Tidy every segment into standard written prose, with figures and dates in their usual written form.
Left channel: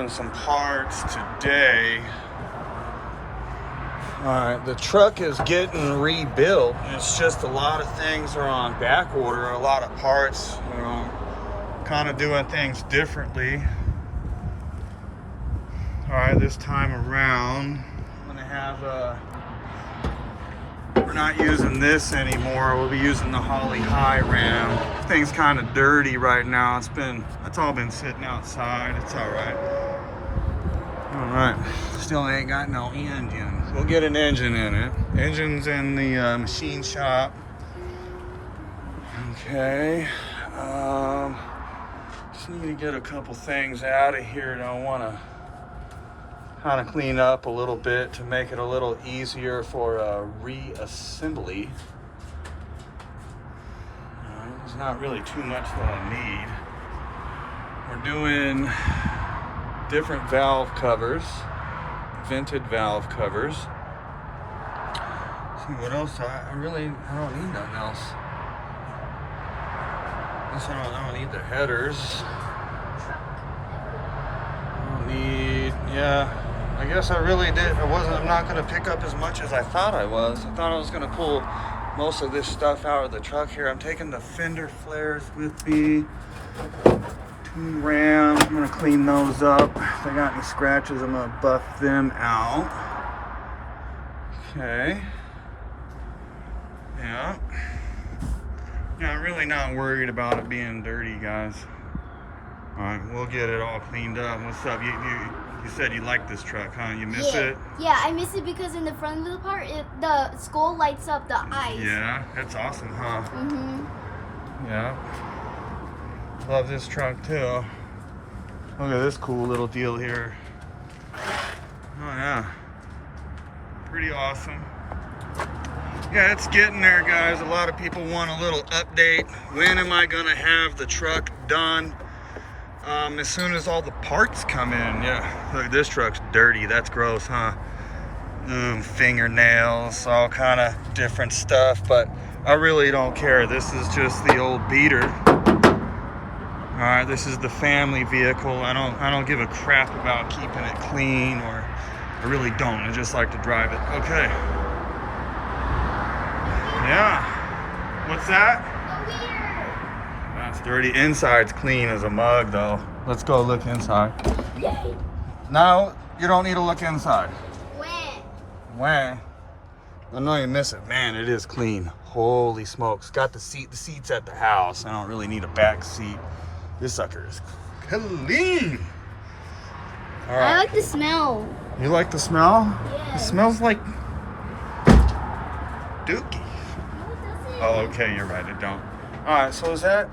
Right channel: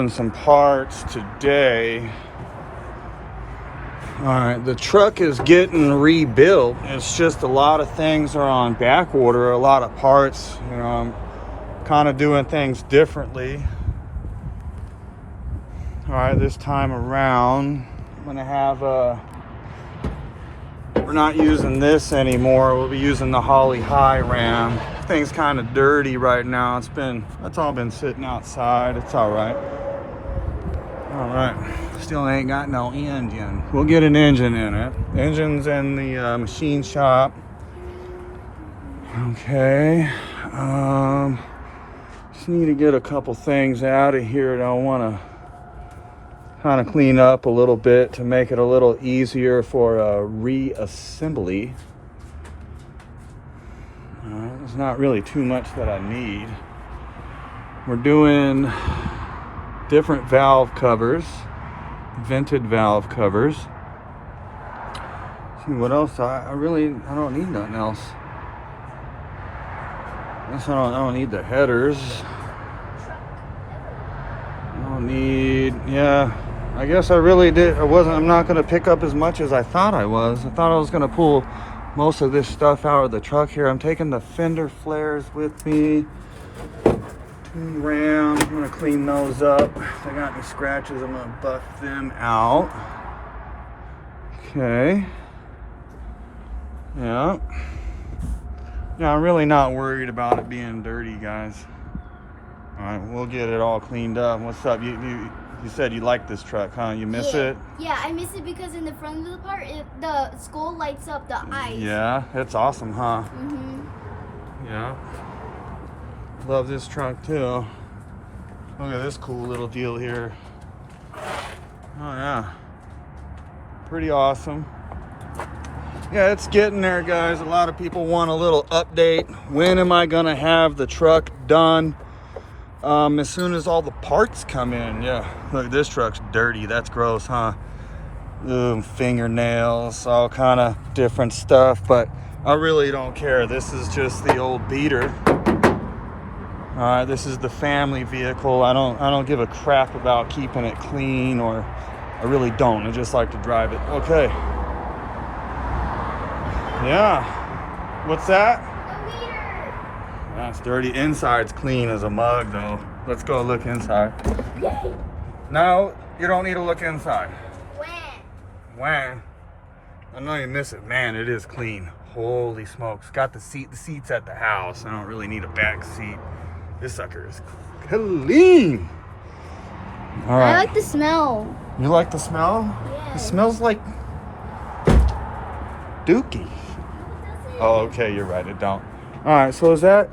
grabbing some parts today. Alright, the truck is getting rebuilt. It's just a lot of things are on back order, a lot of parts, you know, kind of doing things differently. Alright, this time around, I'm gonna have we're not using this anymore. We'll be using the Holly High Ram. Thing's kind of dirty right now. It's all been sitting outside. It's all right. All right. Still ain't got no engine. We'll get an engine in it. Engine's in the machine shop. Okay. Just need to get a couple things out of here that I want to kind of clean up a little bit to make it a little easier for reassembly. There's not really too much that I need. We're doing different valve covers, vented valve covers. See what else? I don't need nothing else. I guess I don't need the headers. I don't need, yeah. I guess I really did. I'm not going to pick up as much as I thought I was. I thought I was going to pull most of this stuff out of the truck here. I'm taking the fender flares with me. 2 rams. I'm going to clean those up. If I got any scratches, I'm going to buff them out. Okay. Yeah. Yeah, I'm really not worried about it being dirty, guys. All right, we'll get it all cleaned up. What's up? You said you like this truck, huh? You miss it? Yeah, I miss it because in the front of the part, the skull lights up the eyes. Yeah, it's awesome, huh? Mm-hmm. Yeah. Love this truck, too. Look at this cool little deal here. Oh, yeah. Pretty awesome. Yeah, it's getting there, guys. A lot of people want a little update. When am I going to have the truck done? As soon as all the parts come in. Yeah, look, this truck's dirty. That's gross, huh? Fingernails, all kind of different stuff, but I really don't care. This is just the old beater. All right, this is the family vehicle. I don't give a crap about keeping it clean, or I really don't. I just like to drive it. Okay. Yeah. What's that? That's dirty. Inside's clean as a mug, though. Let's go look inside. Yay. No, you don't need to look inside. When? I know you miss it. Man, it is clean. Holy smokes. Got the seat. The seat's at the house. I don't really need a back seat. This sucker is clean. All right. I like the smell. You like the smell? Yeah. It smells like dookie. Oh, okay. You're right. It don't. All right, so is that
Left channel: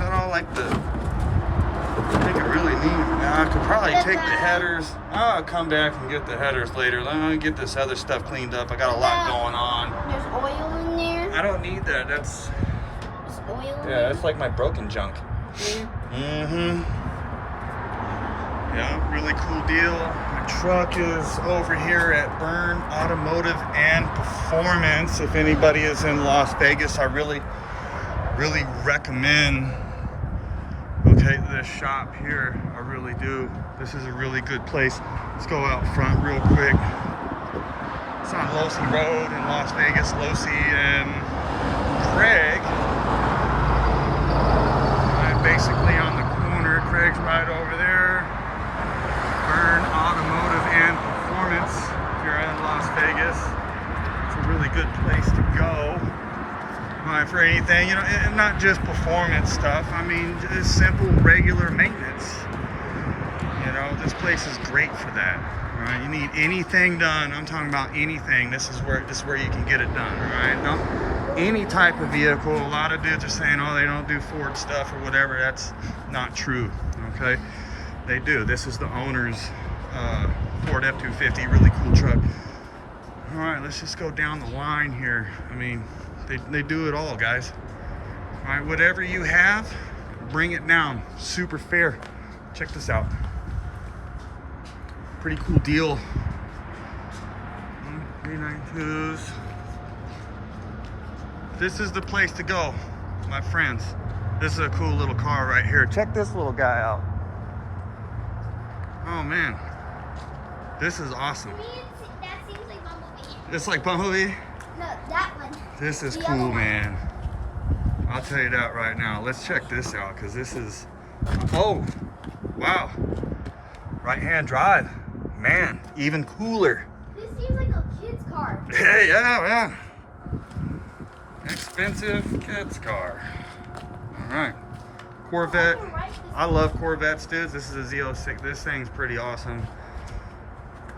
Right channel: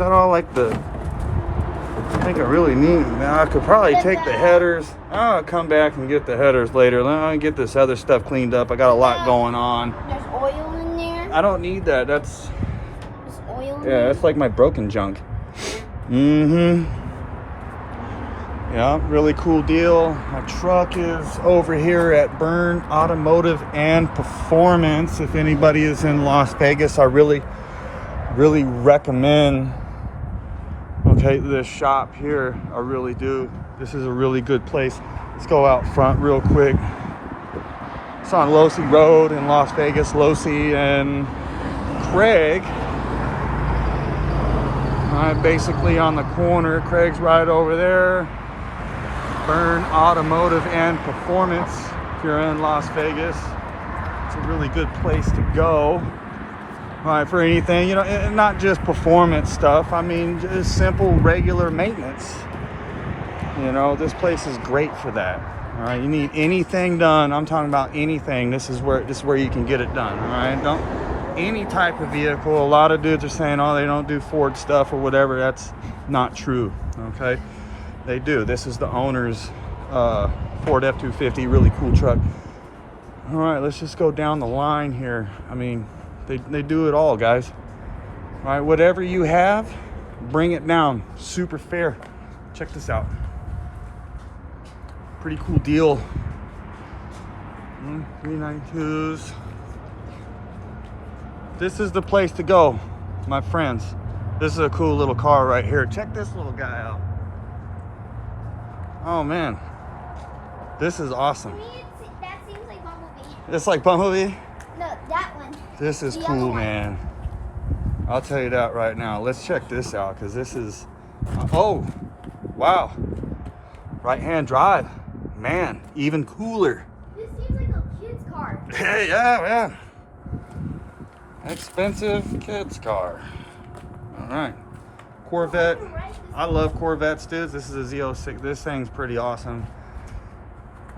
all like the, I think I really need, I could probably take the headers. I'll come back and get the headers later. Let me get this other stuff cleaned up. I got a lot going on. There's oil in there. I don't need that. That's, There's oil in yeah, there. that's like my broken junk. Mm-hmm. Yeah, really cool deal. My truck is over here at Byrne Automotive and Performance. If anybody is in Las Vegas, I really recommend this shop here. I really do. This is a really good place. Let's go out front real quick. It's on Losee Road in Las Vegas. Losee and Craig. I'm basically on the corner. Craig's right over there. Byrne Automotive and Performance. If you're in Las Vegas, it's a really good place to go. All right, for anything, you know, and not just performance stuff. I mean, just simple, regular maintenance. You know, this place is great for that. All right, you need anything done. I'm talking about anything. This is where you can get it done. All right, don't any type of vehicle. A lot of dudes are saying, oh, they don't do Ford stuff or whatever. That's not true. Okay, they do. This is the owner's Ford F-250, really cool truck. All right, let's just go down the line here. I mean, they do it all, guys. All right, whatever you have, bring it down. Super fair. Check this out. Pretty cool deal. 392s. This is the place to go, my friends. This is a cool little car right here. Check this little guy out. Oh man, this is awesome. To me, that seems like Bumblebee. It's like Bumblebee. No, that one. This is The cool, other one. man. I'll tell you that right now. Let's check this out, because this is, oh, wow. Right-hand drive. Man, even cooler. This seems like a kid's car. Hey, yeah, man. Expensive kids car. All right. Corvette. I love Corvettes, dudes. This is a Z06. This thing's pretty awesome.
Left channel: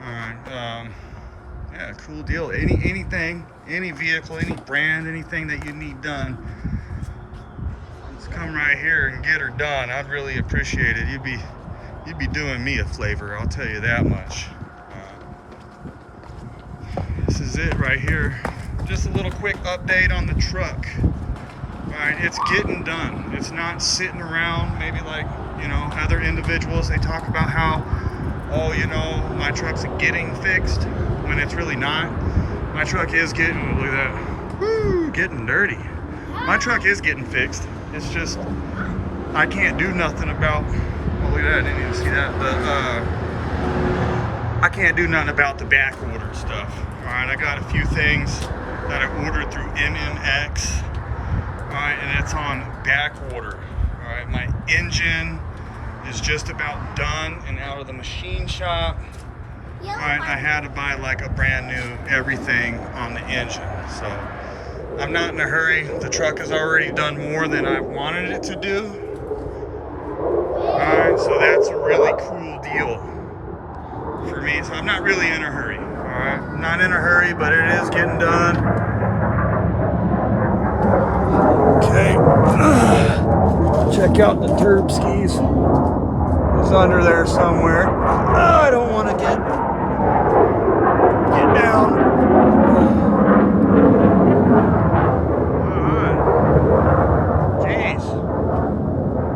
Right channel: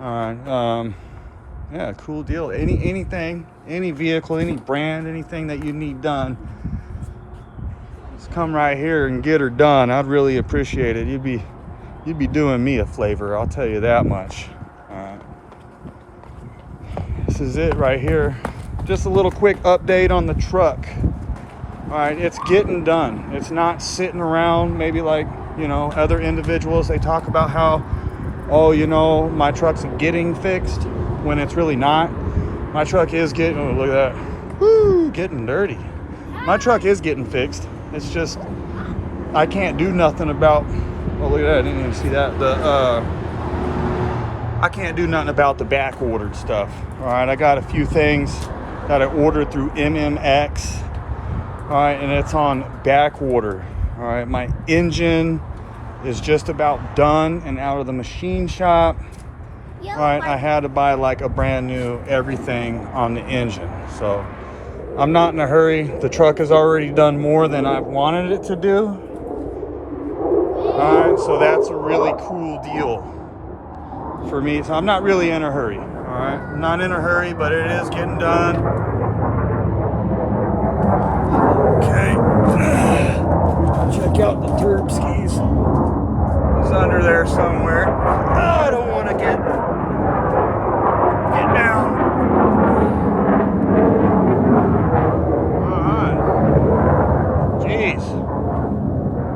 All right. Yeah, cool deal. Anything, any vehicle, any brand, anything that you need done, just come right here and get her done. I'd really appreciate it. You'd be doing me a favor, I'll tell you that much. This is it right here. Just a little quick update on the truck. All right, it's getting done. It's not sitting around maybe like, you know, other individuals. They talk about how, oh, you know, my truck's getting fixed, when it's really not. My truck is getting, oh, look at that. Woo, getting dirty. My truck is getting fixed. It's just, I can't do nothing about, oh, look at that, I didn't even see that. I can't do nothing about the back ordered stuff. All right, I got a few things that I ordered through MMX. All right, and it's on back order. All right, my engine is just about done and out of the machine shop. All right, I had to buy like a brand new everything on the engine. So I'm not in a hurry. The truck has already done more than I wanted it to do. All right, so that's a really cool deal for me. So I'm not really in a hurry. All right, I'm not in a hurry, but it is getting done. Okay. Check out the turb skis. It's under there somewhere. Oh, I don't want to get down. All right. Jeez.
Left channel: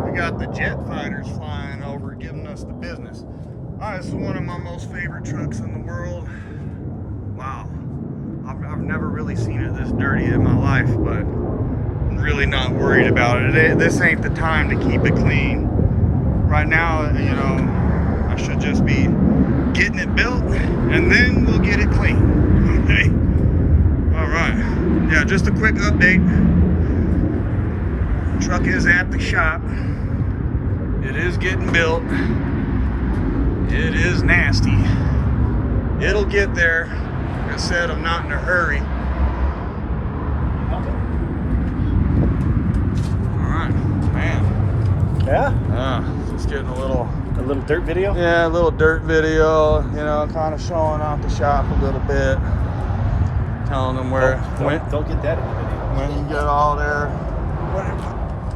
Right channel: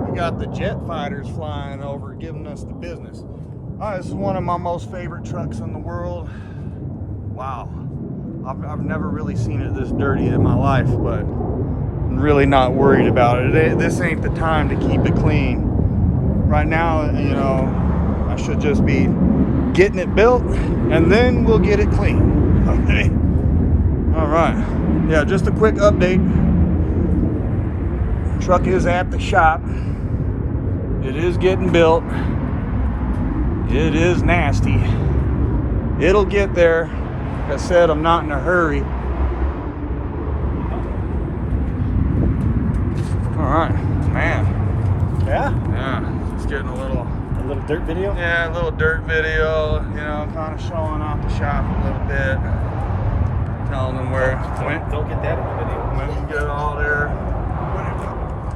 We got the jet fighters flying over, giving us the business. All right, this is one of my most favorite trucks in the world. Wow. I've never really seen it this dirty in my life, but I'm really not worried about it. This ain't the time to keep it clean. Right now, you know, I should just be getting it built, and then we'll get it clean. Okay. All right. Yeah, just a quick update. Truck is at the shop. It is getting built. It is nasty. It'll get there. Like I said, I'm not in a hurry. All right, man. Yeah? Yeah, just getting a little dirt video? Yeah, a little dirt video, you know, kind of showing off the shop a little bit. Telling them where, Don't get that in the video. when we get all there. What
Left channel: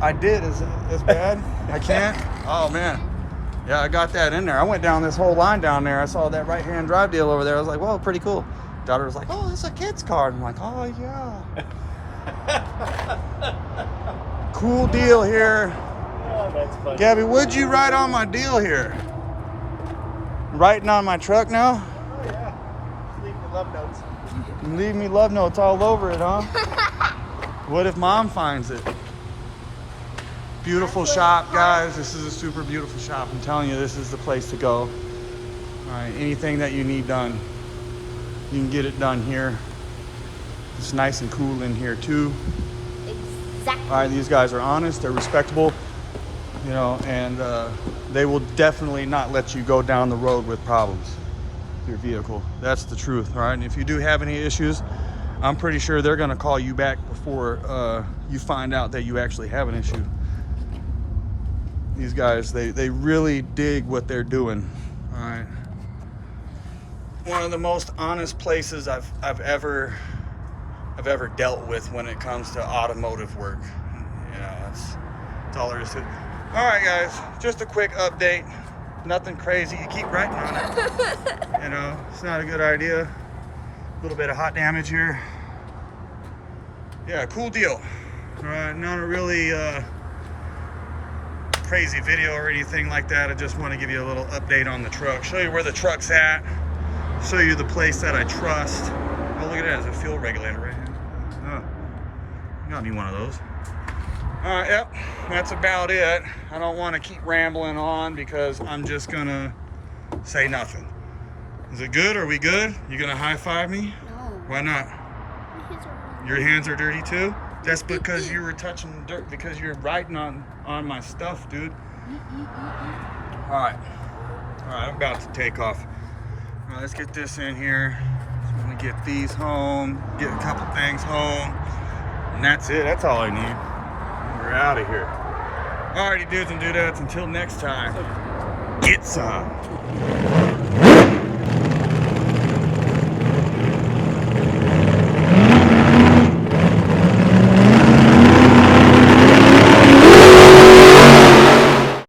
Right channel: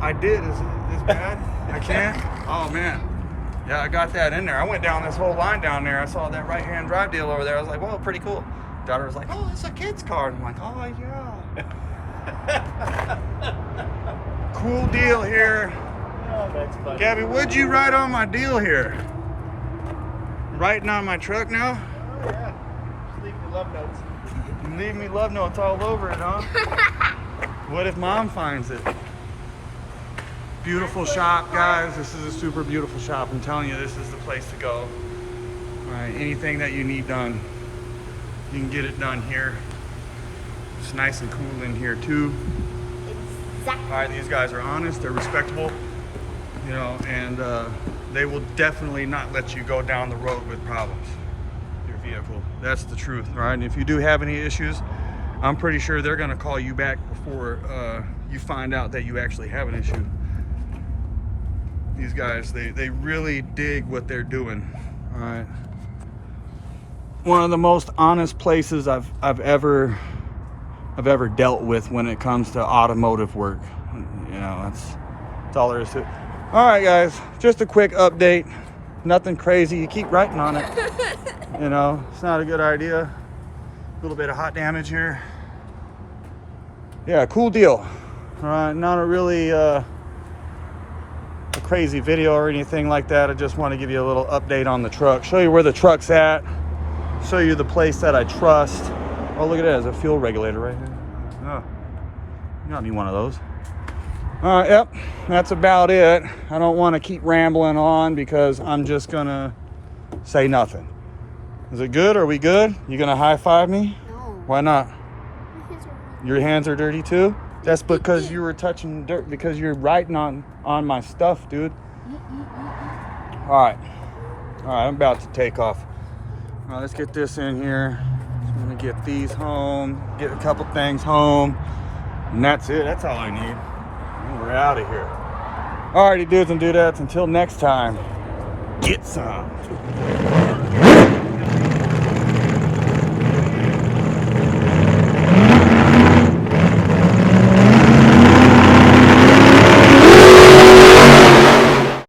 I did, is it this bad? I can't? Oh, man. Yeah, I got that in there. I went down this whole line down there. I saw that right-hand drive deal over there. I was like, well, pretty cool. Daughter was like, oh, it's a kid's car. I'm like, oh, yeah. Cool deal here. Oh, that's funny. Gabby, would you write on my deal here? Writing on my truck now? Oh, yeah. Leave me love notes. Leave me love notes all over it, huh? What if mom finds it? Beautiful shop, guys. This is a super beautiful shop. I'm telling you, this is the place to go. All right, anything that you need done, you can get it done here. It's nice and cool in here too. Exactly. All right, these guys are honest, they're respectable, you know, and they will definitely not let you go down the road with problems with your vehicle. That's the truth, all right? And if you do have any issues, I'm pretty sure they're gonna call you back before you find out that you actually have an issue. These guys, they really dig what they're doing, all right? One of the most honest places I've ever dealt with when it comes to automotive work. You know, it's all there is to it. All right, guys, just a quick update. Nothing crazy. You keep writing on it. You know, it's not a good idea. A little bit of hot damage here. Yeah, cool deal. All right, not a really a crazy video or anything like that. I just want to give you a little update on the truck, show you where the truck's at, show you the place that I trust. Oh, look at that, there's a fuel regulator right here. Oh, got me one of those. Yep, that's about it. I don't want to keep rambling on because I'm just gonna Say nothing. Is it good? Are we good? You gonna high five me? No. Why not? My hands are- Your hands are dirty too? That's because you were touching dirt, because you're writing on my stuff, dude. Alright. Alright, I'm about to take off. Alright, let's get this in here. I'm gonna get these home, get a couple things home, and that's it. That's all I need. We're out of here. Alrighty, dudes and dudettes, until next time, get some.